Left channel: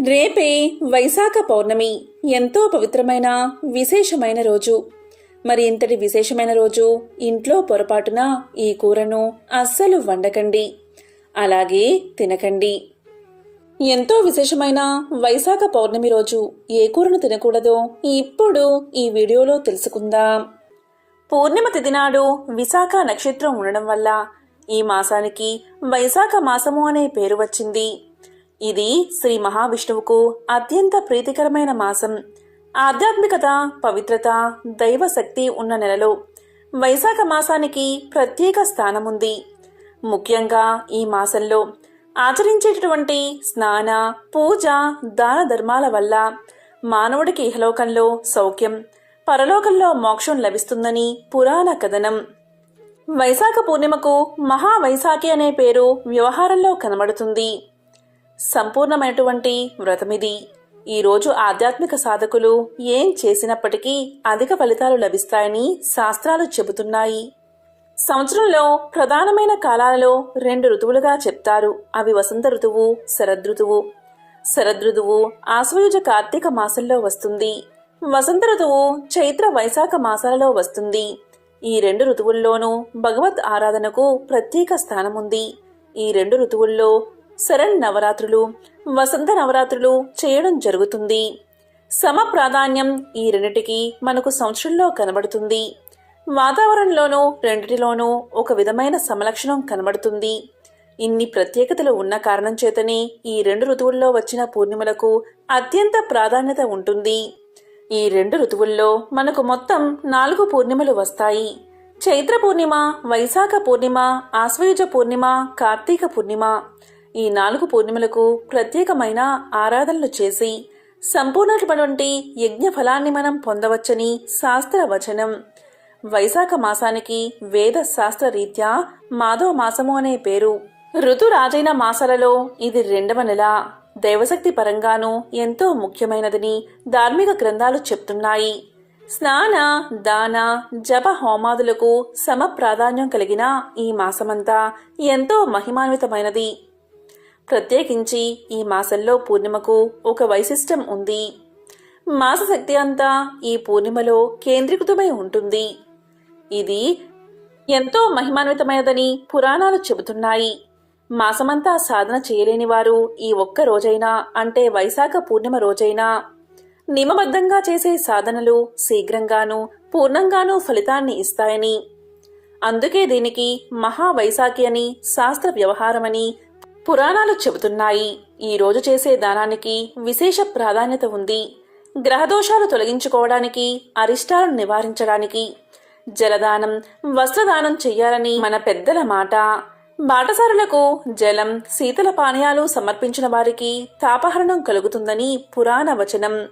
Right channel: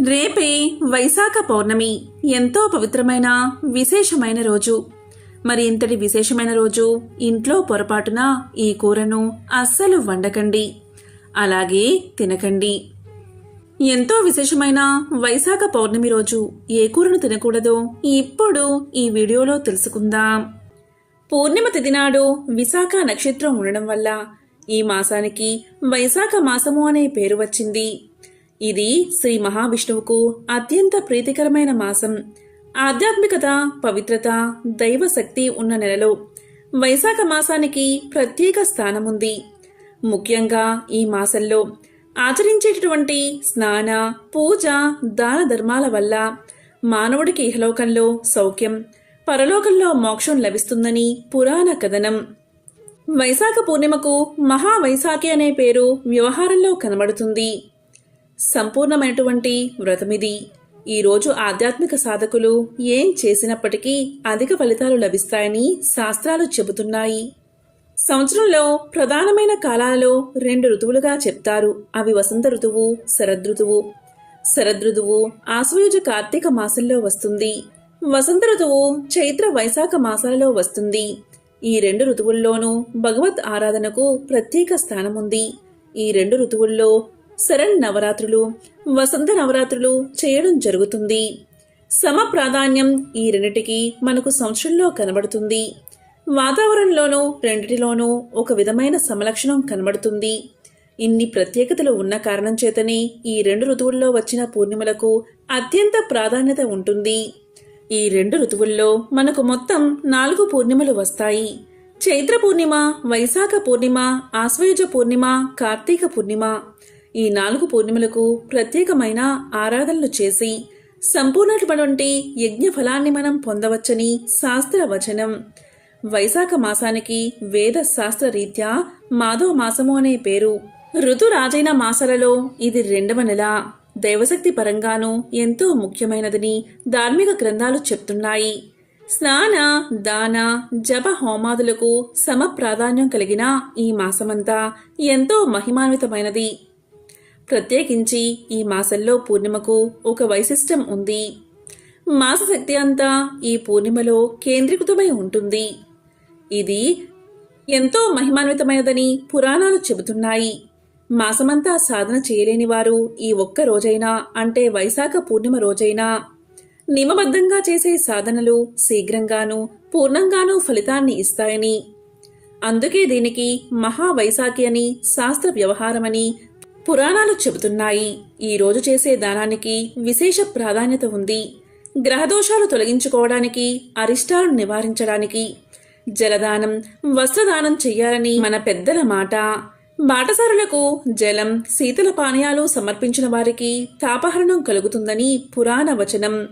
రేపే వైశాఖ పౌర్ణమి. ఎంతో పవిత్రమైన విశేషమైన రోజు. మరి ఇంతటి విశేషమైన రోజు ఇంట్లో పొరపాటున ఈ కూరను అస్సలు వండకండి. అలాగే తినకండి. ఎంతో విశేషమైన వైశాఖ పౌర్ణమి రోజు ఏ కూరను తినకూడదో ఇప్పుడు ఈ వీడియోలో తెలుసుకుందాం. పూర్ణిమ తిథి నాడు విశాఖ నక్షత్రం ఉండడం వల్ల ఈ మాసానికి వైశాఖ మాసము అనే పేరు వచ్చింది. ఇది శ్రీ మహావిష్ణువుకు అత్యంత ప్రీతికరమైన మాసం. ఆధ్యాత్మికత పవిత్రత దైవ శక్తి ఉన్న నెలలో వైశాఖ మాసానికి ప్రత్యేక స్థానముంది. ముఖ్యంగా ఈ మాసంలో ఆచరించేటటువంటి స్నాన పూజ దాన ధర్మాల వల్ల మానవుడికి ఇహలోకంలో సౌఖ్యం పరలోకంలో మోక్షం లభిస్తుందని పురాణ కథనం. వైశాఖ పూర్ణిమకు మహావైశాఖి అనే పేరు వ్యవహారంలో కనబడుతుంది. సంపూర్ణమైనటువంటి వ్రతమిది. ఈరోజు ఆధ్యాత్మిక సాధకులు ఏం చేసినప్పటికీ అధిక ఫలితాలు లభిస్తాయని శాస్త్రాలు చెబుతున్నాయి. సంవత్సరంలో ప్రధానమైన కాలాలలో రెండు ఋతువులుగా చెప్తారు. అవి వసంత ఋతువు శరదృతువు శరదృతువు ఆశ్వయుజ కార్తీక మాసంలో వస్తుంది. వసంత ఋతువు చైత్ర వైశాఖ మాసాలలో వస్తుంది. ఈ రెండు ఋతువుల్లోనూ భగవత్ ఆరాధనకు ప్రత్యేక స్థానముంది. ఈ రెండు ఋతువుల్లో శరణ్ నవరాత్రులు వసంత నవరాత్రులు చేయడం జరుగుతుంది. సమ ప్రాధాన్యం ఈ రెండిటికి మనకు సంవత్సరంలో కనబడుతుంది. వాతావరణంలోనూ రెండిటిలోనూ ఒక విధమైన సమలక్షణం కనబడుతుంది. ఇన్ని ప్రత్యేకతలు ఉన్న కారణం చేతనే ఈ రెండు ఋతువుల్లో వచ్చిన పూర్ణిమలకు అత్యంత ప్రాధాన్యత ఉంటుంది. ఈ రెండు ఋతువుల్లో మనకు మొత్తం నాలుగు పూర్ణిమలు వస్తాయి. చైత్ర పూర్ణిమ వైశాఖ పూర్ణిమ ఆశ్వయుజ పూర్ణిమ కార్తీక పూర్ణిమ. ఈ నాలుగు పూర్ణిమలకు ప్రత్యేకమైన ఆరాధనలు చేసి సంపూర్ణటువంటి యజ్ఞ ఫలాన్ని మనం పొందవచ్చని శాస్త్ర వచనం వైశాఖ మాసానికి వేద శాస్త్ర రీత్యా మాధవ మాసము అనే పేరు. ఋతురాజైన మాసాలలో ఇది రెండవ నెల. దైవశక్తి పరంగానూ ఎంతో ముఖ్యమైనదని ధార్మిక గ్రంథాలు చెప్తున్నాయి. స్నాన దాన జప హోమాదులకు సమ ప్రాధాన్యం కలిగిన ఈ మాసమంతా ఎంతో మహిమాన్వితమైనది. ప్రత్యేకించి ఈ మాసంలో పూర్ణిమకు ఒక వైశిష్టం ఉంది. మాస శక్తి అంతా ఈ పూర్ణిమలో కేంద్రీకృతమై ఉంటుంది. ఇది ఎంతో మహిమాన్వితమైనదని పురాణాలు చెబుతున్నాయి. మాసమంతా సాధన చేయలేని వారు ఈ ఒక్క రోజైనా అంటే వైశాఖ పూర్ణిమ రోజైనా నియమబద్ధంగా చేసే సాధనలు శీఘ్రంగానూ పూర్ణంగానూ ఫలితాన్ని ఇస్తాయని. అందుకే దీనికి మహావైశాఖి అని శాస్త్ర వ్యవహారమని పురాణాలు చెబుతున్నాయి. ఈ రోజు చేసే దానానికి విశేష ప్రాధాన్యత ఉంది. గ్రహదోషాలు తొలగించుకోవడానికి అరిష్టాలను నివారించడానికి. జలదానం వస్త్రదానం చెయ్యాలని మన పెద్దల మాట. బాటసారులకు జలం శీతల పానీయాలు సమర్పించిన వారికి తాపహరణం కలుగుతుందని పురాణ వచనం.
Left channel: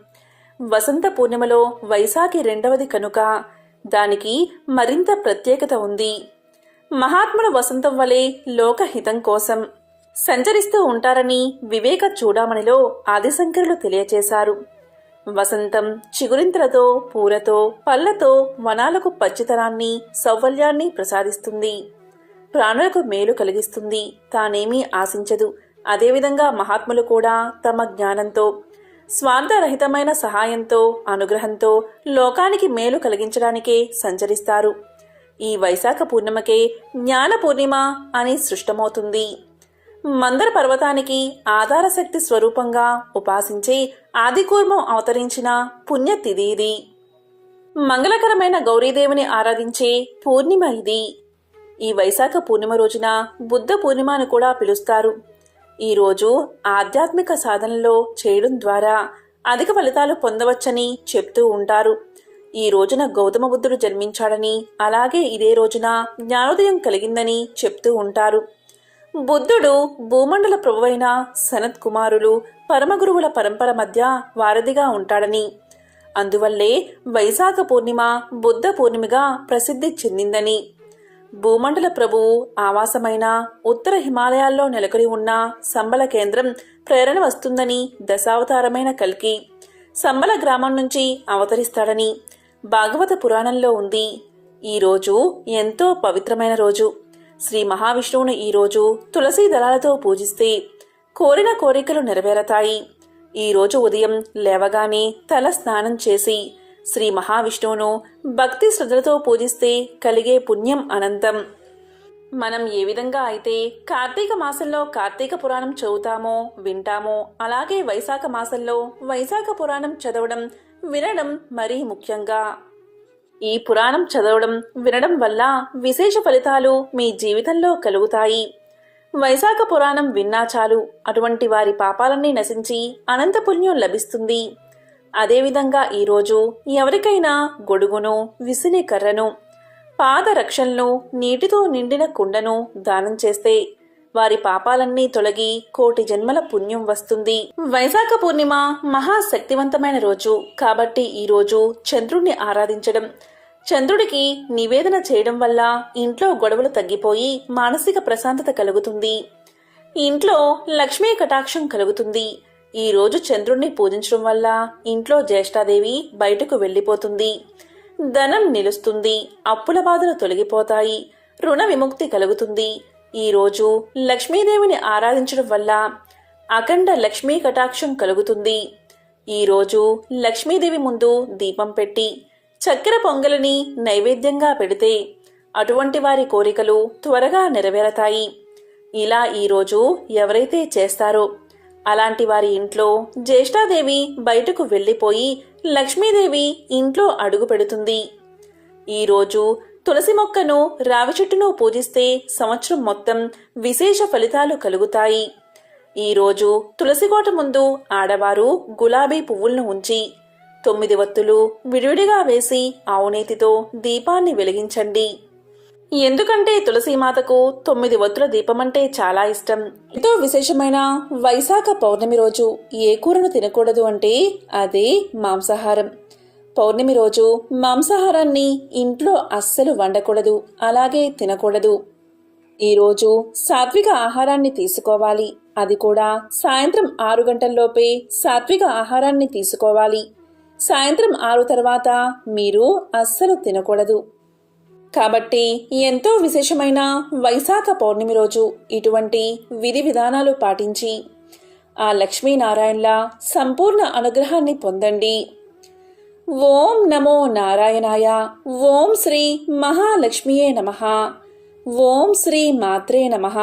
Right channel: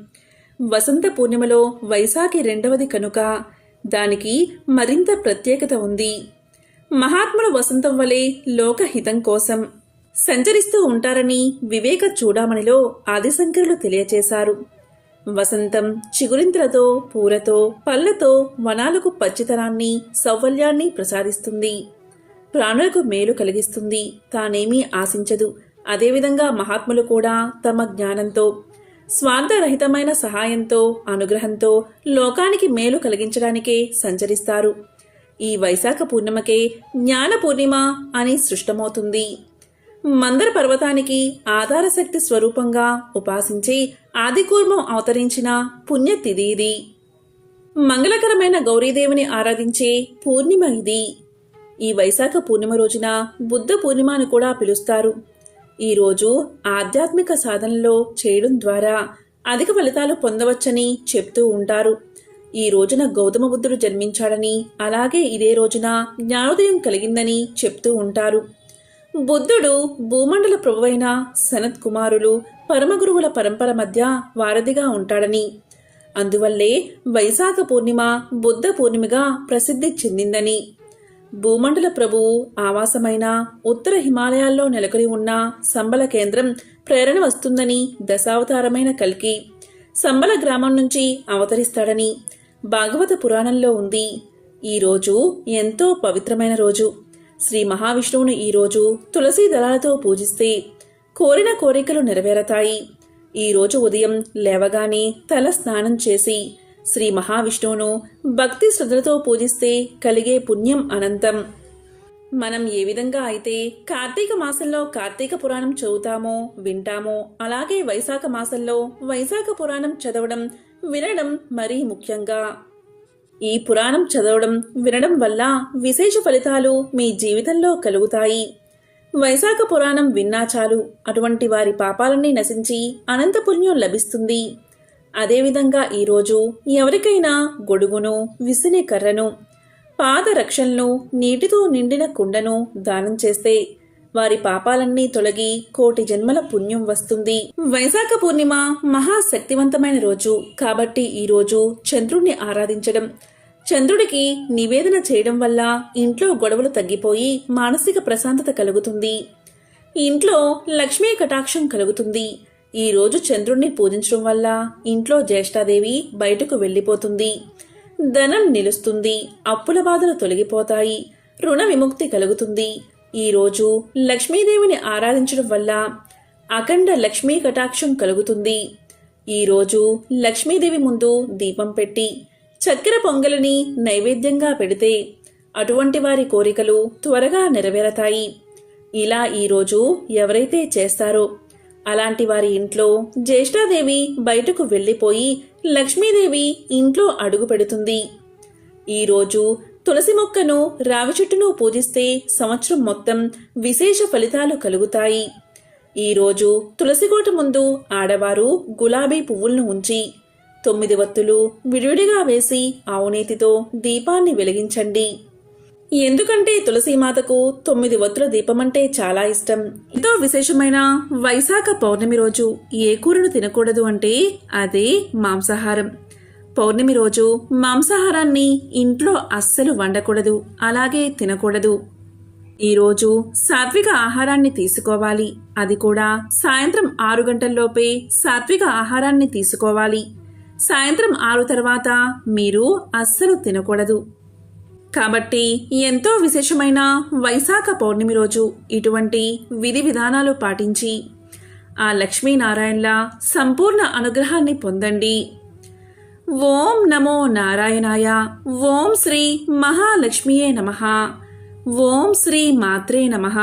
వసంత పూర్ణిమలో వైశాఖి రెండవది కనుక దానికి మరింత ప్రత్యేకత ఉంది. మహాత్ముల వసంతం వలె లోకహితం కోసం సంచరిస్తూ ఉంటారని వివేక చూడామణిలో ఆదిశంకరులు తెలియచేశారు. వసంతం చిగురింతలతో పూలతో పళ్ళతో వనాలకు పచ్చితనాన్ని సౌవల్యాన్ని ప్రసాదిస్తుంది. ప్రాణులకు మేలు కలిగిస్తుంది. తానేమీ ఆశించదు. అదేవిధంగా మహాత్ములు కూడా తమ జ్ఞానంతో స్వార్థరహితమైన సహాయంతో అనుగ్రహంతో లోకానికి మేలు కలిగించడానికే సంచరిస్తారు. ఈ వైశాఖ పూర్ణిమకే జ్ఞాన పూర్ణిమ అని సృష్టమవుతుంది. మందర పర్వతానికి ఆధారశక్తి స్వరూపంగా ఉపాసించి ఆదికూర్మం అవతరించిన పుణ్యతిథి ఇది. మంగళకరమైన గౌరీదేవిని ఆరాధించే పూర్ణిమ ఇది. ఈ వైశాఖ పూర్ణిమ రోజున బుద్ధ పూర్ణిమ అని కూడా పిలుస్తారు. ఈరోజు ఆధ్యాత్మిక సాధనలో చేయడం ద్వారా అధిక ఫలితాలు పొందవచ్చని చెప్తూ ఉంటారు. ఈ రోజున గౌతమ బుద్ధుడు జన్మించాడని అలాగే ఇదే రోజున జ్ఞానోదయం కలిగిందని చెప్తూ ఉంటారు. బుద్ధుడు భూమండల ప్రభువైన సనత్ కుమారులు పరమగురువుల పరంపర మధ్య వారధిగా ఉంటాడని. అందువల్లే వైశాఖ పూర్ణిమ బుద్ధ పూర్ణిమగా ప్రసిద్ధి చెందిందని. భూమండల ప్రభువు ఆవాసమైన ఉత్తర హిమాలయాల్లో నెలకొని ఉన్న సంబల కేంద్రం ప్రేరణ వస్తుందని దశావతారమైన కల్కి సంబల గ్రామం నుంచి అవతరిస్తాడని భాగవత పురాణంలో ఉంది. ఈ రోజు ఎంతో పవిత్రమైన రోజు. శ్రీ మహావిష్ణువును ఈరోజు తులసీ దళాలతో పూజిస్తే కోరిన కోరికలు నెరవేరతాయి. ఈరోజు ఉదయం లేవగానే తల స్నానం చేసి శ్రీ మహావిష్ణువును భక్తి శ్రద్ధలతో పూజిస్తే కలిగే పుణ్యం అనంతం. మనం ఏ విధంగా అయితే కార్తీక మాసంలో కార్తీక పురాణం చదువుతామో వింటామో అలాగే వైశాఖ మాసంలో వైశాఖ పురాణం చదవడం వినడం మరీ ముఖ్యంగా. ఈ పురాణం చదవడం వినడం వల్ల విశేష ఫలితాలు మీ జీవితంలో కలుగుతాయి. వైశాఖ పురాణం విన్నా చాలు. అటువంటి వారి పాపాలన్నీ నశించి అనంత పుణ్యం లభిస్తుంది. అదేవిధంగా ఈరోజు ఎవరికైనా గొడుగును విసిలి కర్రను పాదరక్షలను నీటితో నిండిన కుండను దానం చేస్తే వారి పాపాలన్నీ తొలగి కోటి జన్మల పుణ్యం వస్తుంది. వైశాఖ పూర్ణిమ మహాశక్తివంతమైన రోజు. కాబట్టి ఈ రోజు చంద్రుణ్ణి ఆరాధించడం. చంద్రుడికి నివేదన చేయడం వల్ల ఇంట్లో గొడవలు తగ్గిపోయి మానసిక ప్రశాంతత కలుగుతుంది. ఇంట్లో లక్ష్మీ కటాక్షం కలుగుతుంది. ఈ రోజు చంద్రుణ్ణి పూజించడం వల్ల ఇంట్లో జ్యేష్ఠాదేవి బయటకు వెళ్ళిపోతుంది. ధనం నిలుస్తుంది. అప్పుల బాధలు తొలగిపోతాయి. రుణ విముక్తి కలుగుతుంది. ఈరోజు లక్ష్మీదేవిని ఆరాధించడం వల్ల అఖండ లక్ష్మీ కటాక్షం కలుగుతుంది. ఈరోజు లక్ష్మీదేవి ముందు దీపం పెట్టి చక్కెర పొంగలిని నైవేద్యంగా పెడితే అటువంటి వారి కోరికలు త్వరగా నెరవేరతాయి. ఇలా ఈరోజు ఎవరైతే చేస్తారో అలాంటి వారి ఇంట్లో జ్యేష్ఠాదేవి బయటకు వెళ్ళిపోయి లక్ష్మీదేవి ఇంట్లో అడుగు పెడుతుంది. ఈరోజు తులసి మొక్కను రావి చెట్టును పూజిస్తే సంవత్సరం మొత్తం విశేష ఫలితాలు కలుగుతాయి. ఈరోజు తులసికోట ముందు ఆడవారు గులాబీ పువ్వులను ఉంచి తొమ్మిది వత్తులు విడివిడిగా వేసి ఆవునేతితో దీపాన్ని వెలిగించండి. ఎందుకంటే తులసీమాతకు తొమ్మిది వత్తుల దీపమంటే చాలా ఇష్టం. ఎంతో విశేషమైన వైశాఖ పౌర్ణమి రోజు ఏ కూరను తినకూడదు అంటే అదే మాంసాహారం. పౌర్ణమి రోజు మాంసాహారాన్ని ఇంట్లో అస్సలు వండకూడదు అలాగే తినకూడదు. ఈరోజు సాత్విక ఆహారాన్ని తీసుకోవాలి. అది కూడా సాయంత్రం ఆరు గంటల్లోపే సాత్విక ఆహారాన్ని తీసుకోవాలి. సాయంత్రం ఆరు తర్వాత మీరు అస్సలు తినకూడదు. కాబట్టి ఎంతో విశేషమైన వైశాఖ పౌర్ణమి రోజు ఇటువంటి విధి విధానాలు పాటించి ఆ లక్ష్మీనారాయణల సంపూర్ణ అనుగ్రహాన్ని పొందండి. ఓం నమో నారాయణాయ ఓం శ్రీ మహాలక్ష్మియే నమ ఓం శ్రీ మాత్రే నమః